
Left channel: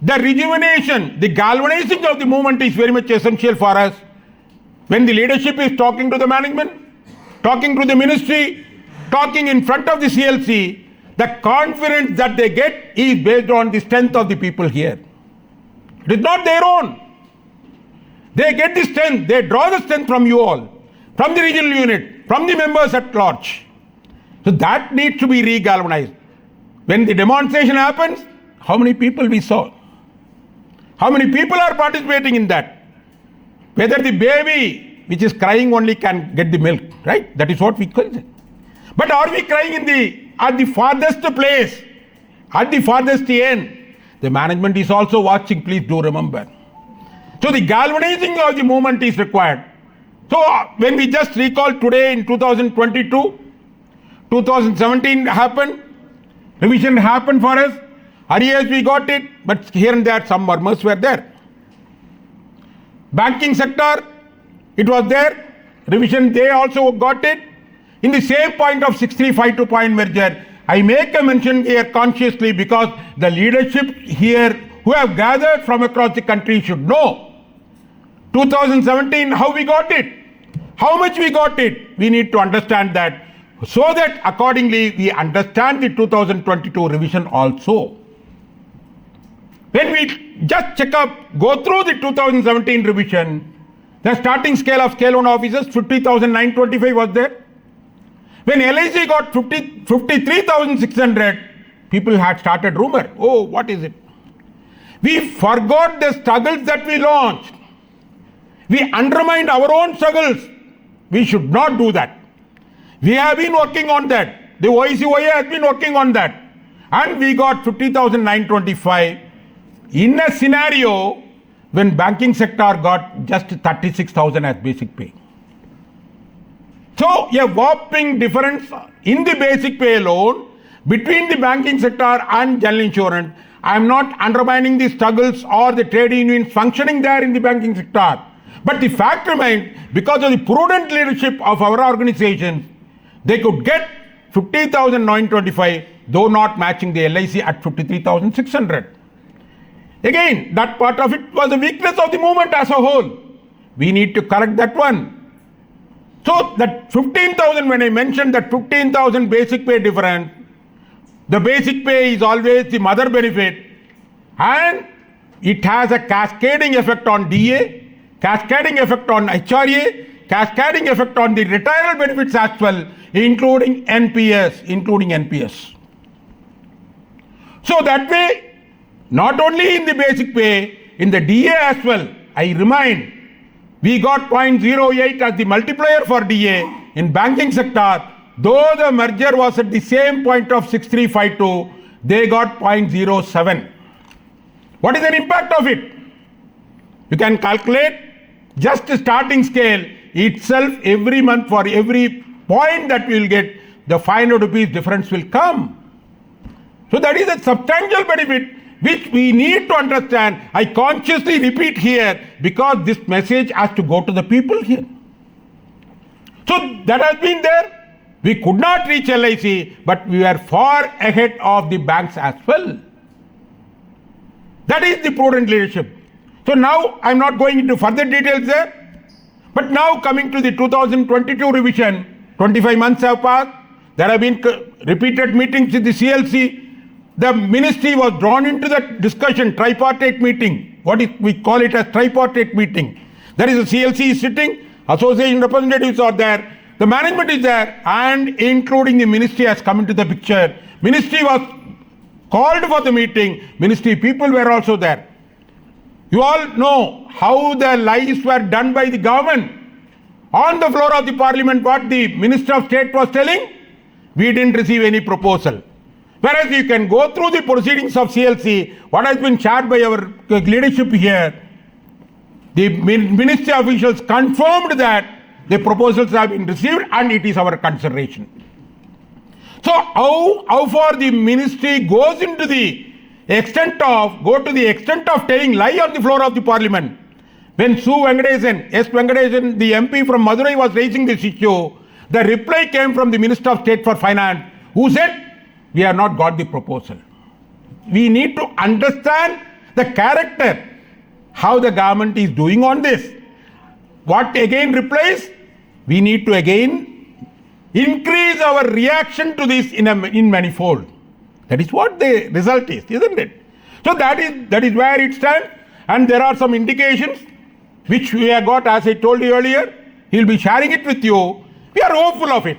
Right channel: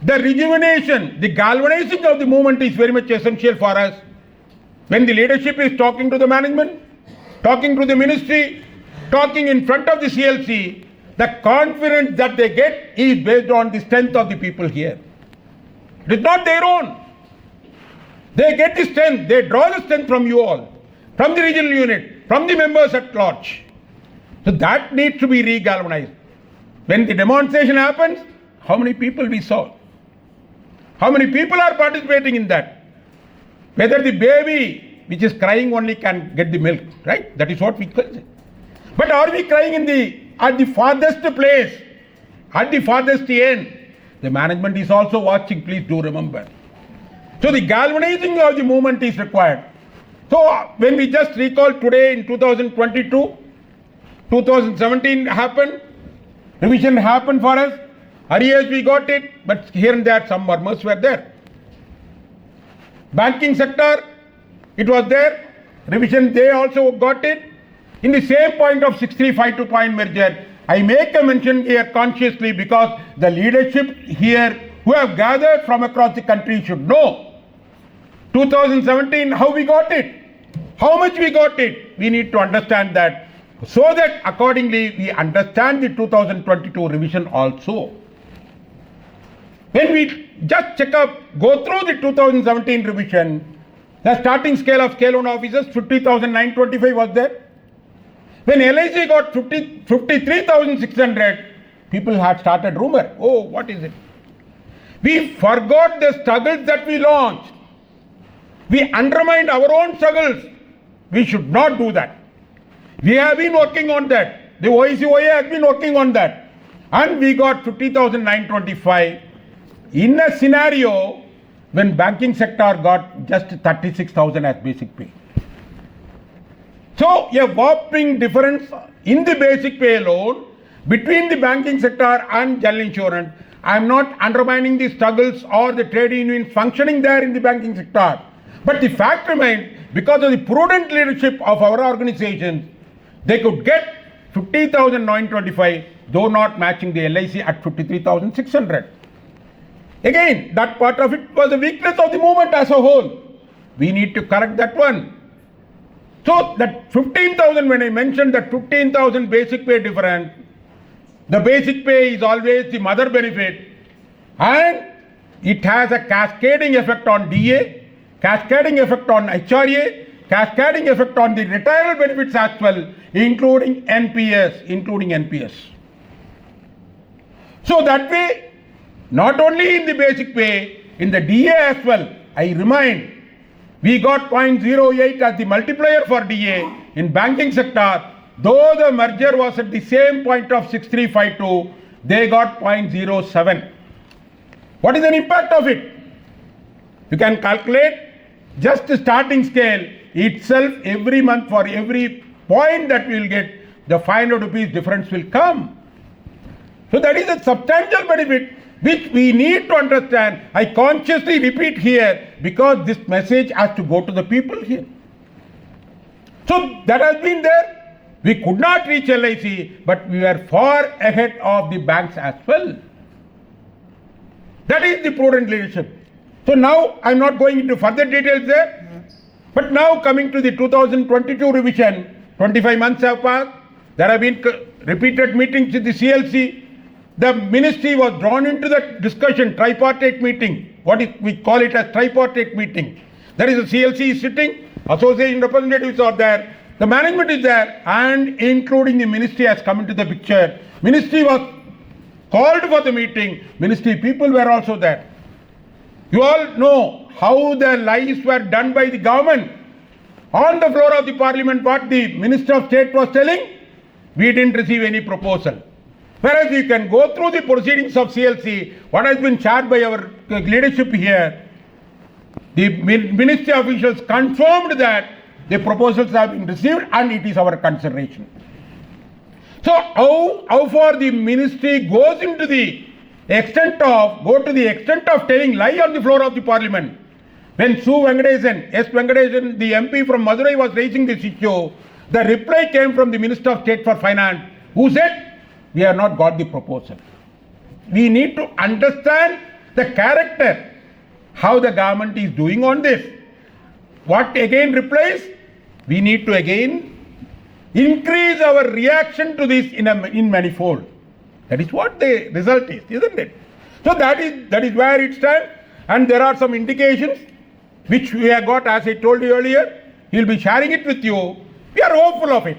The rejuvenation, the galvanizing of the movement is very much essential for us. When the leadership is talking to the management, talking to the ministry, talking in front of the CLC, the confidence that they get is based on the strength of the people here. It is not their own. They get the strength, they draw the strength from you all, from the regional unit, from the members at large. So that needs to be re-galvanized. When the demonstration happens, how many people we saw? How many people are participating in that? Whether the baby which is crying only can get the milk, right? That is what we call it. But are we crying at the farthest place, at the farthest end? The management is also watching, please do remember. So the galvanizing of the movement is required. So when we just recall today in 2022, 2017 happened, revision happened for us, arrears we got it, but here and there some murmurs were there. Banking sector, it was there, revision they also got it. In the same point of 6352 point merger, I make a mention here consciously because the leadership here who have gathered from across the country should know 2017 how we got it, how much we got it. We need to understand that so that accordingly we understand the 2022 revision also. When we just check up, go through the 2017 revision, the starting scale of scale loan officers 50,925 was there. When LIC got 53,600, people had started rumor. Oh, what is it? We forgot the struggles that we launched. We undermined our own struggles. We should not do that. We have been working on that. The OICOA has been working on that. And we got 50,925 in a scenario when banking sector got just 36,000 as basic pay. So a whopping difference in the basic pay alone between the banking sector and general insurance. I am not undermining the struggles or the trade unions functioning there in the banking sector. But the fact remains, because of the prudent leadership of our organization, they could get 50,925, though not matching the LIC at 53,600. Again, that part of it was a weakness of the movement as a whole. We need to correct that one. So that 15,000, when I mentioned that 15,000 basic pay difference, the basic pay is always the mother benefit, and it has a cascading effect on DA, cascading effect on HRA, cascading effect on the retirement benefits as well, including NPS. So that way, not only in the basic pay, in the DA as well, I remind, we got 0.08 as the multiplier for DA. In banking sector, though the merger was at the same point of 6352, they got 0.07. What is the impact of it? You can calculate just the starting scale itself every month for every point that we will get, the 500 rupees difference will come. So that is a substantial benefit which we need to understand. I consciously repeat here because this message has to go to the people here. So that has been there. We could not reach LIC, but we were far ahead of the banks as well. That is the prudent leadership. So now I am not going into further details there. But now coming to the 2022 revision, 25 months have passed. There have been repeated meetings with the CLC. The ministry was drawn into that discussion, tripartite meeting. We call it as tripartite meeting. There is a CLC sitting, association representatives are there, the management is there, and including the ministry has come into the picture. Ministry was called for the meeting. Ministry people were also there. You all know how the lies were done by the government. On the floor of the parliament, what the Minister of State was telling, we didn't receive any proposal. Whereas you can go through the proceedings of CLC, what has been shared by our leadership here, the ministry officials confirmed that the proposals have been received and it is our consideration. So how far the ministry goes into the extent of telling lie on the floor of the parliament. When S. Venkatesan, the MP from Madurai was raising this issue, the reply came from the Minister of State for Finance, who said, we have not got the proposal. We need to understand the character, how the government is doing on this. What again replies? We need to again increase our reaction to this in manifold. That is what the result is, isn't it? So that is where it stands, and there are some indications which we have got, as I told you earlier. He will be sharing it with you. We are hopeful of it.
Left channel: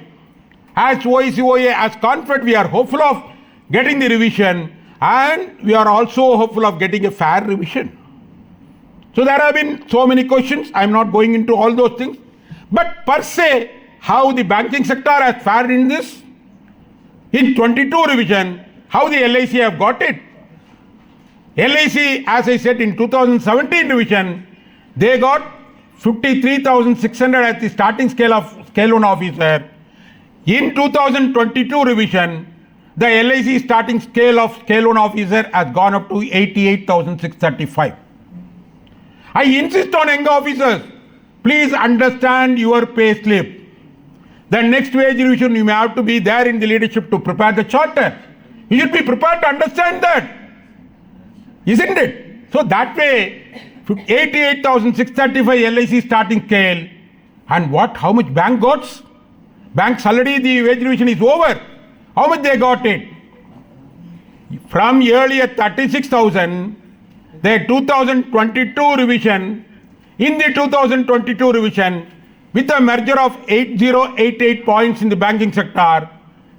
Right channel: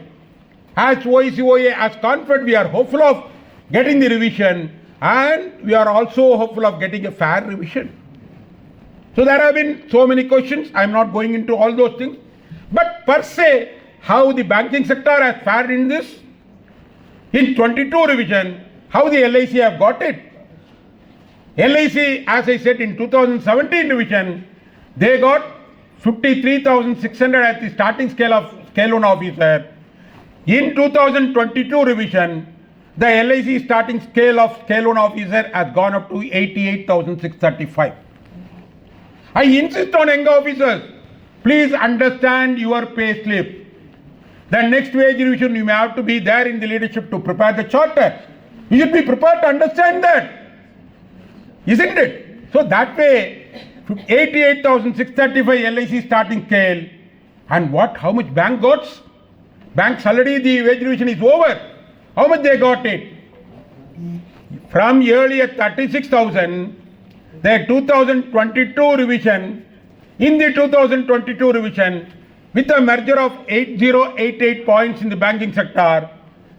As OICOA, as confident, we are hopeful of getting the revision, and we are also hopeful of getting a fair revision. So there have been so many questions. I am not going into all those things. But per se, how the banking sector has fared in this, in 22 revision, how the LIC have got it. LIC, as I said, in 2017 revision, they got 53,600 at the starting scale of scale loan officer. In 2022 revision, the LIC starting scale of scale loan officer has gone up to 88,635. I insist on young officers, please understand your pay slip. The next wage revision, you may have to be there in the leadership to prepare the charter. You should be prepared to understand that. Isn't it? So that way, 88,635 LIC starting scale, and how much bank got? Banks already the wage revision is over. How much they got it? From earlier 36,000, the 2022 revision, in the 2022 revision, with a merger of 8088 points in the banking sector,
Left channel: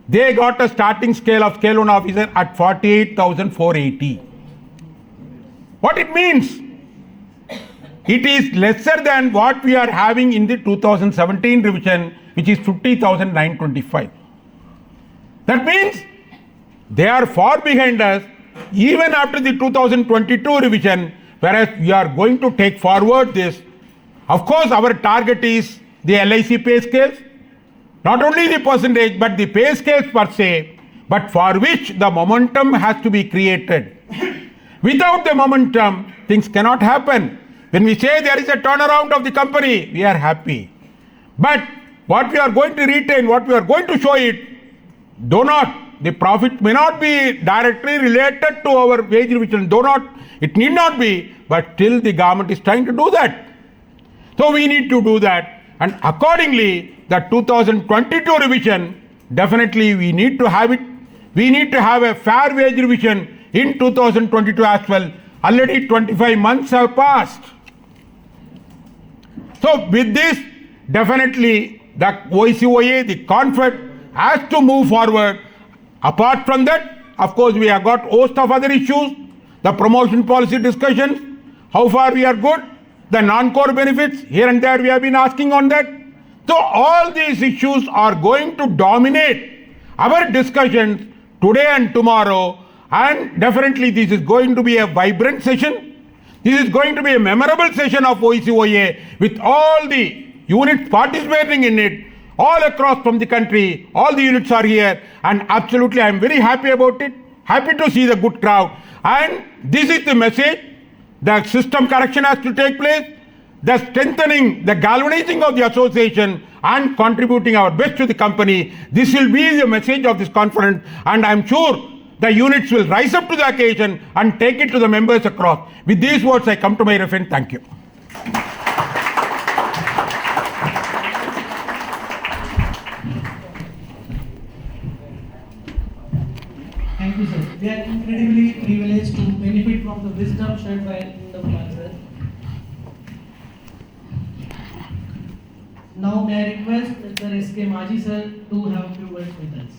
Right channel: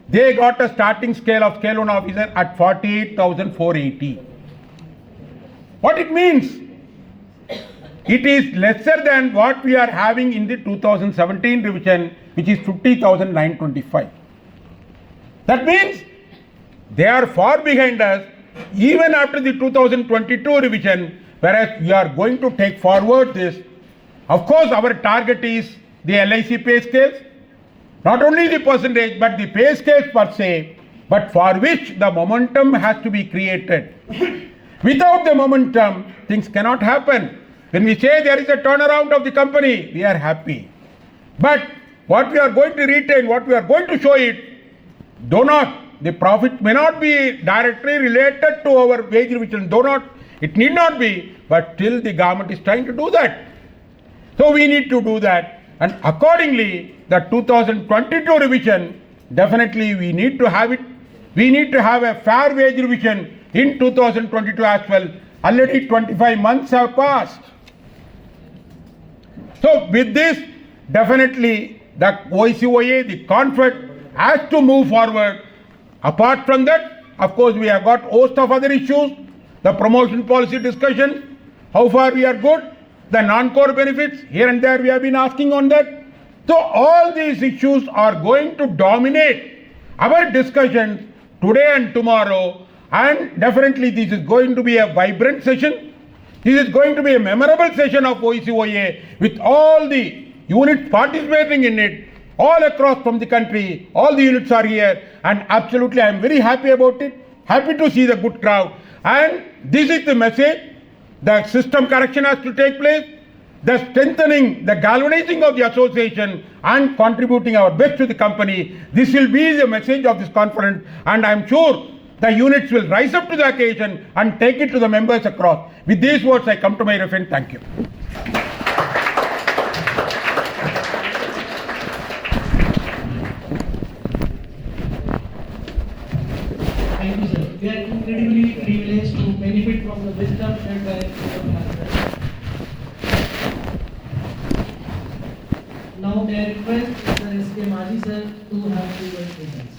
they got a starting scale of scale loan officer at 48,480. What it means? It is lesser than what we are having in the 2017 revision, which is 50,925. That means they are far behind us even after the 2022 revision, whereas we are going to take forward this. Of course, our target is the LIC pay scales, not only the percentage, but the pay scales per se, but for which the momentum has to be created. Without the momentum, things cannot happen. When we say there is a turnaround of the company, we are happy. But what we are going to retain, what we are going to show it, the profit may not be directly related to our wage revision, it need not be, but still the government is trying to do that. So we need to do that, and accordingly, the 2022 revision, definitely we need to have it. We need to have a fair wage revision in 2022 as well. Already 25 months have passed. So with this, definitely the OICOA, the conflict has to move forward. Apart from that, of course, we have got host of other issues, the promotion policy discussion, how far we are good, the non-core benefits, here and there we have been asking on that. So all these issues are going to dominate our discussions today and tomorrow, and definitely this is going to be a vibrant session. This is going to be a memorable session of OICOA with all the units participating in it all across from the country. All the units are here, and absolutely I am very happy about it. Happy to see the good crowd. And this is the message. The system correction has to take place. The strengthening, the galvanizing of the association and contributing our best to the company. This will be the message of this conference, and I am sure the units will rise up to the occasion and take it to the members across. With these words, I come to my reference. Thank you. Thank you, sir. We are incredibly privileged to benefit from the wisdom shared by the masters. Now, may I request Mr. S.K. Maji, sir, to have 2 words with us.